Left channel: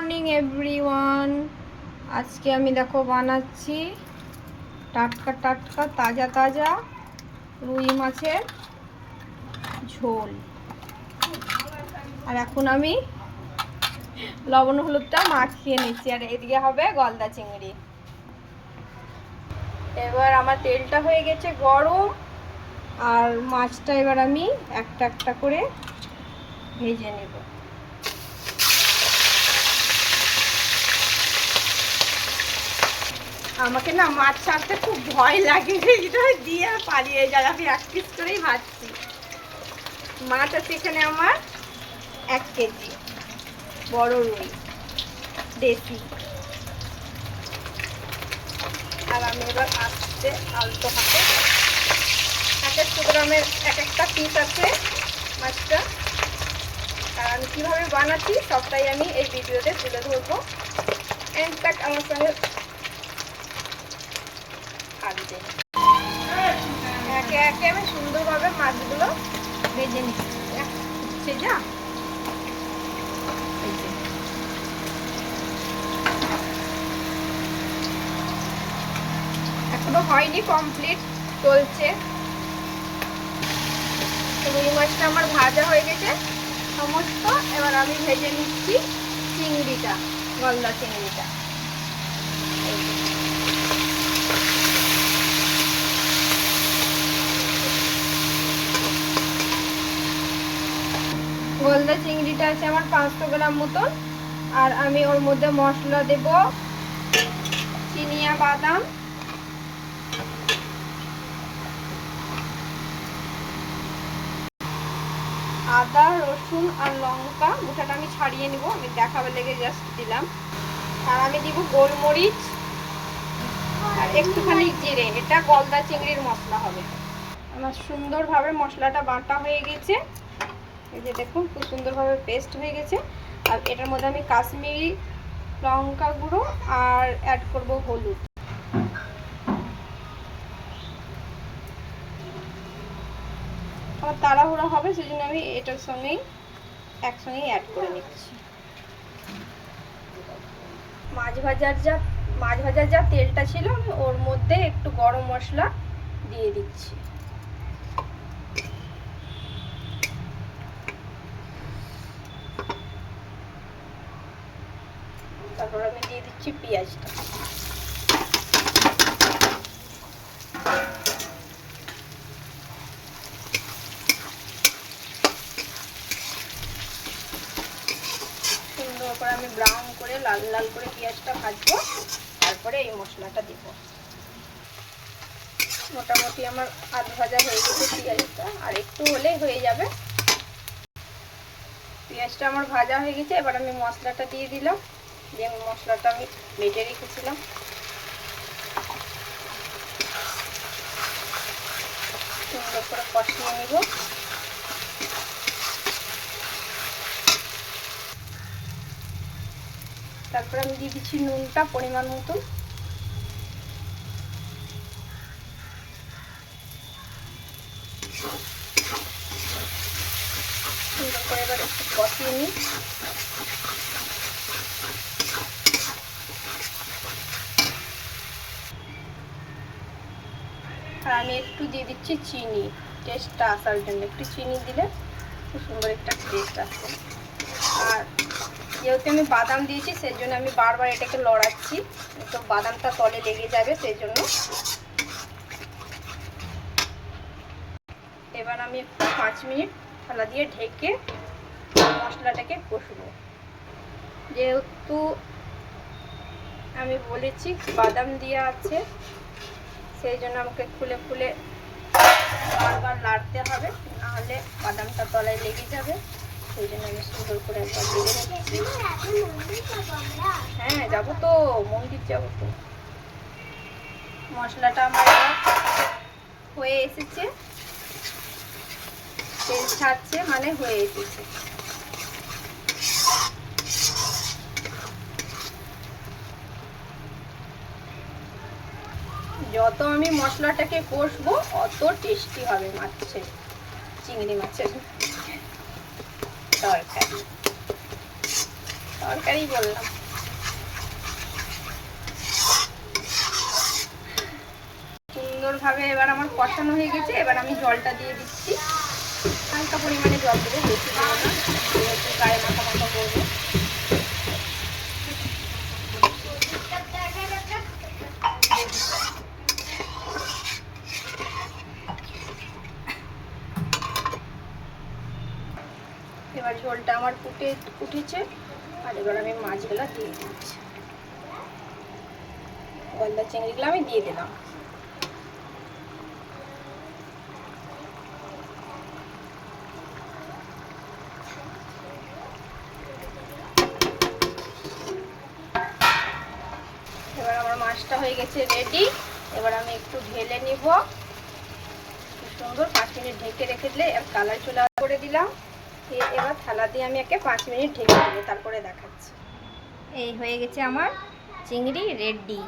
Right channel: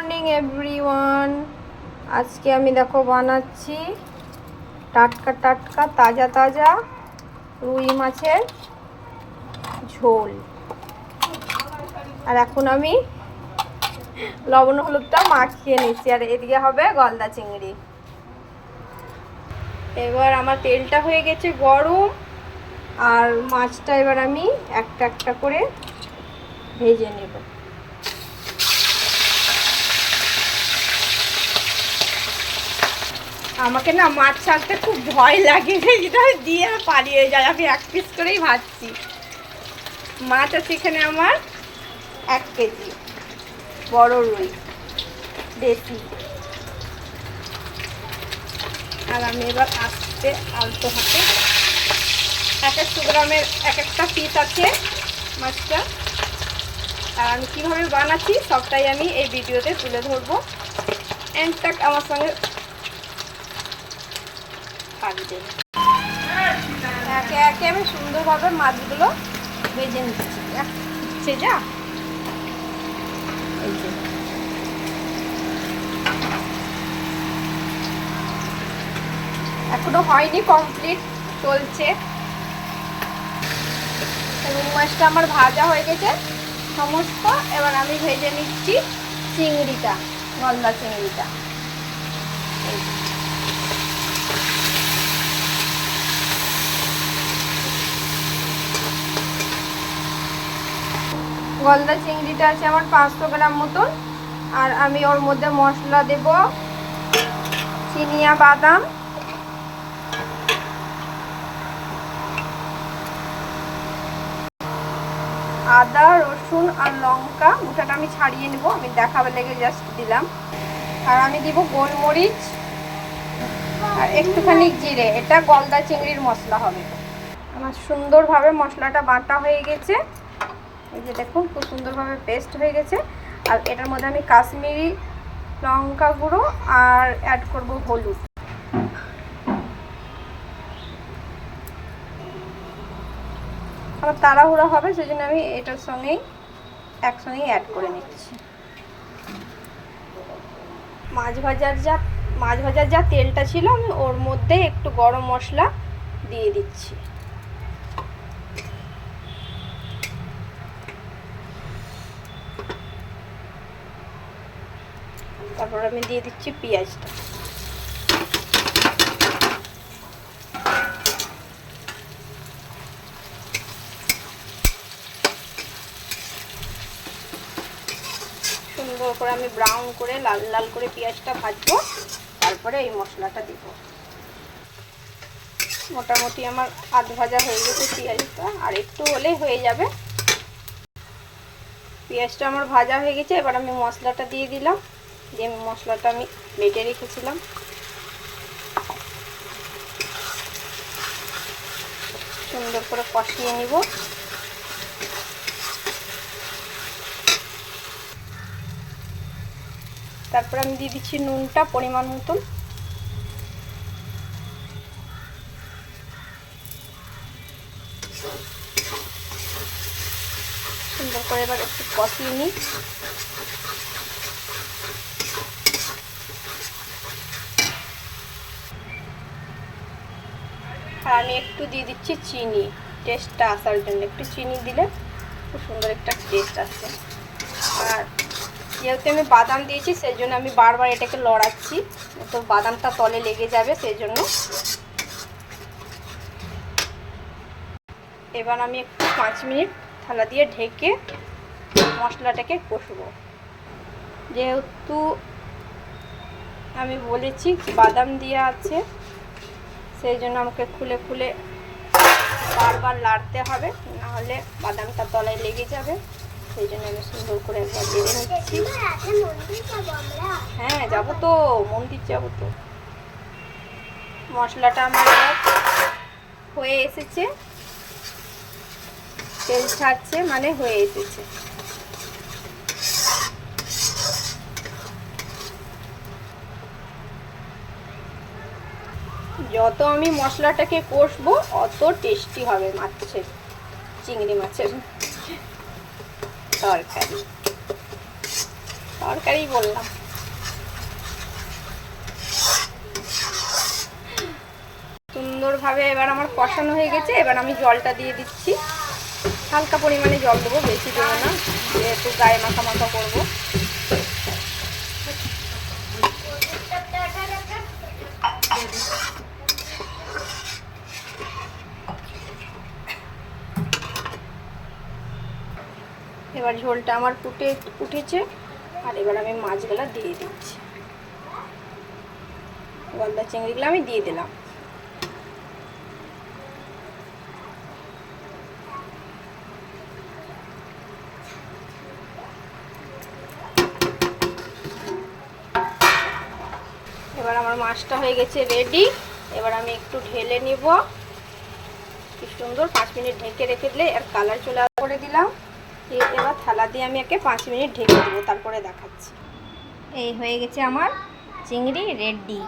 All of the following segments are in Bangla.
Morning everyone. আজকে আমি দেখো বানাচ্ছি টাটকা টাটকা তাজা তাজা রুই মাছের ঝোল। আর এখন আমি লবণ হলুদটা মাখিয়ে নিচ্ছি। আর এদিকে হবে গলদা চিংড়ি। এবার আমার তেলটা হয়ে গেছে গরম, আর মাছটা এবার আমি একটা একটা করে ভেজে নেব। আমাকে না মাছ ছাড়তে খুব ভয় লাগে, এটা দিয়ে পালিয়ে যায়। আমি এক পিস করেই ভাজছি। মাছ আছে এখানে আমার 1 কেজি বড় রুই দেশি। আর আমি এবার আস্তে আলতো হাতে 100 গ্রামের এক একটা পিস আছে মাছটা। আর আমি কীভাবে বানাচ্ছি সবটাই আমি এই ভিডিওতে তুলে ধরবো। এন্ড তাক আমার সঙ্গে একে একে আমি সুন্দরভাবে মাছগুলো ভেজে নিচ্ছি। যা এই যে এখনো হয়নি, কমপ্লিট চলছে। রুই মাছটা আমার ভাজা হয়ে গেছে সমস্ত। এবার আমি ভেজে নিচ্ছি চিংড়িটা, গলদা চিংড়িটা। গলদা চিংড়িটা আছে আমার 500 গ্রাম মতন। আর আমি ওর মধ্যে মশলা দেব চিনিয়া বাদাম, আদা রসুন আর লঙ্কা গোটাটা আমি ছাড়িয়ে নেব, আমি দেখাবার লেগে জাস্ট দিলাম। আর আমি দিব গোলমরিচ আর একটুখানি জিরে। এটা গলদা চিংড়ির মশলা হবে। আমার সুন্দরভাবে মশলাটা বাটা হয়ে গেছে। এই যে দেখুন খুব সুন্দরভাবে পেস্ট হয়ে গেছে। আর এটার মধ্যে আমি কাশ্মীরি লঙ্কা গুঁড়ো আর অ্যাড করব হলুদ। আমার তাড়াহুড়া হবে সেজন্য আমি এটার সঙ্গেই একসঙ্গেই অ্যাড করে নিচ্ছি। মাছ ভাজার যা তেলটা ছিল আমি ওর মধ্যে একটু গরম মশলা দিয়ে দিচ্ছি। তারপর আমি দিয়ে দিচ্ছি পেঁয়াজটা। সুন্দর করে আমি ব্রাউন করে লাল লাল করে পেঁয়াজটা ভাজবো, তারপরে এই মশলাটা দিব। মোটামুটি আমার আধ ভাজা হয়ে গেছে পেঁয়াজটা, আর একটু হলেই হয়ে যাবে। পেঁয়াজটা আমার ভাজা হয়ে গেছে। এবার আমি মশলাটা দিয়ে দিলাম। দিয়ে মশলাটা আমি বেটে রেখেছিলাম সুন্দর করে কষিয়ে নিব। তারপর আমি দিয়ে দিচ্ছি নুনটা পরিমাণ মতন। সুন্দর করে এবার একটু কষিয়ে নিই। আর আমি একটু দিয়ে দিচ্ছি চিনি, টেস্টটা আসার জন্য। একটু চিনি দিলে খুব সুন্দর একটা টেস্ট আসে। আর যেহেতু আমি বাদাম দিয়েছি সেই জন্য আমি বারবার এটাকে লড়াচ্ছি, তো বাদামটা তলে লেগে যাবে সেই জন্য। এবার আমি একটু 5 মিনিট থালা দিয়ে ঢেকে মশলাটাকে কষবো। যেহেতু আমি বলেছি বাদাম দেওয়া আছে সেই জন্য আমাকে খুলে খুলে বারবার লাড়তে হবে, নাহলে বাদামটা তলায় লেগে যাবে। সেই জন্য আমি সুন্দর করে একবার দিয়ে নিচ্ছি। হ্যাঁ যাবো তো, মন্দির যাবো তো। মশলাটা আমার হয়ে এসেছে, তেল ছাড়ছে মানে হয়ে এসেছে। যত আমি মশলাটাকে কষবো অত টেস্টি হবে মাছের, চিংড়ি মাছের তরকারি। তরকারি বললাম। সুন্দরভাবে এবার আমার কষানো হয়ে গেছে। এবার আমি জলটা দিয়ে দিচ্ছি, হালকা পরিমাণে জল দেবো, বেশি দেবো না, যেহেতু গায়ে মাখা মাখা করবো। এবার ঝোলটা আমার উঠেছে, আর এবার আমি মাছগুলো দিয়ে দিচ্ছি। গলদা চিংড়িগুলো আমি দিয়ে দিলাম। এবার আমার মাছটা হয়ে গেছে রেডি। এবার আমি একটু ঢেলে নিব। কি সুন্দর, 5 মিনিট ঢেকে রেখে দিলে আর কালার চলে করে দিলাম। এবার থালা দিয়ে আমি একে 5 মিনিট ঢেকে দেবো, তারপরে দেখাচ্ছি। এই হয়ে গেছে আমার চিংড়ি রেডি।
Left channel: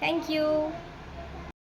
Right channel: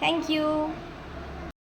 Thank you.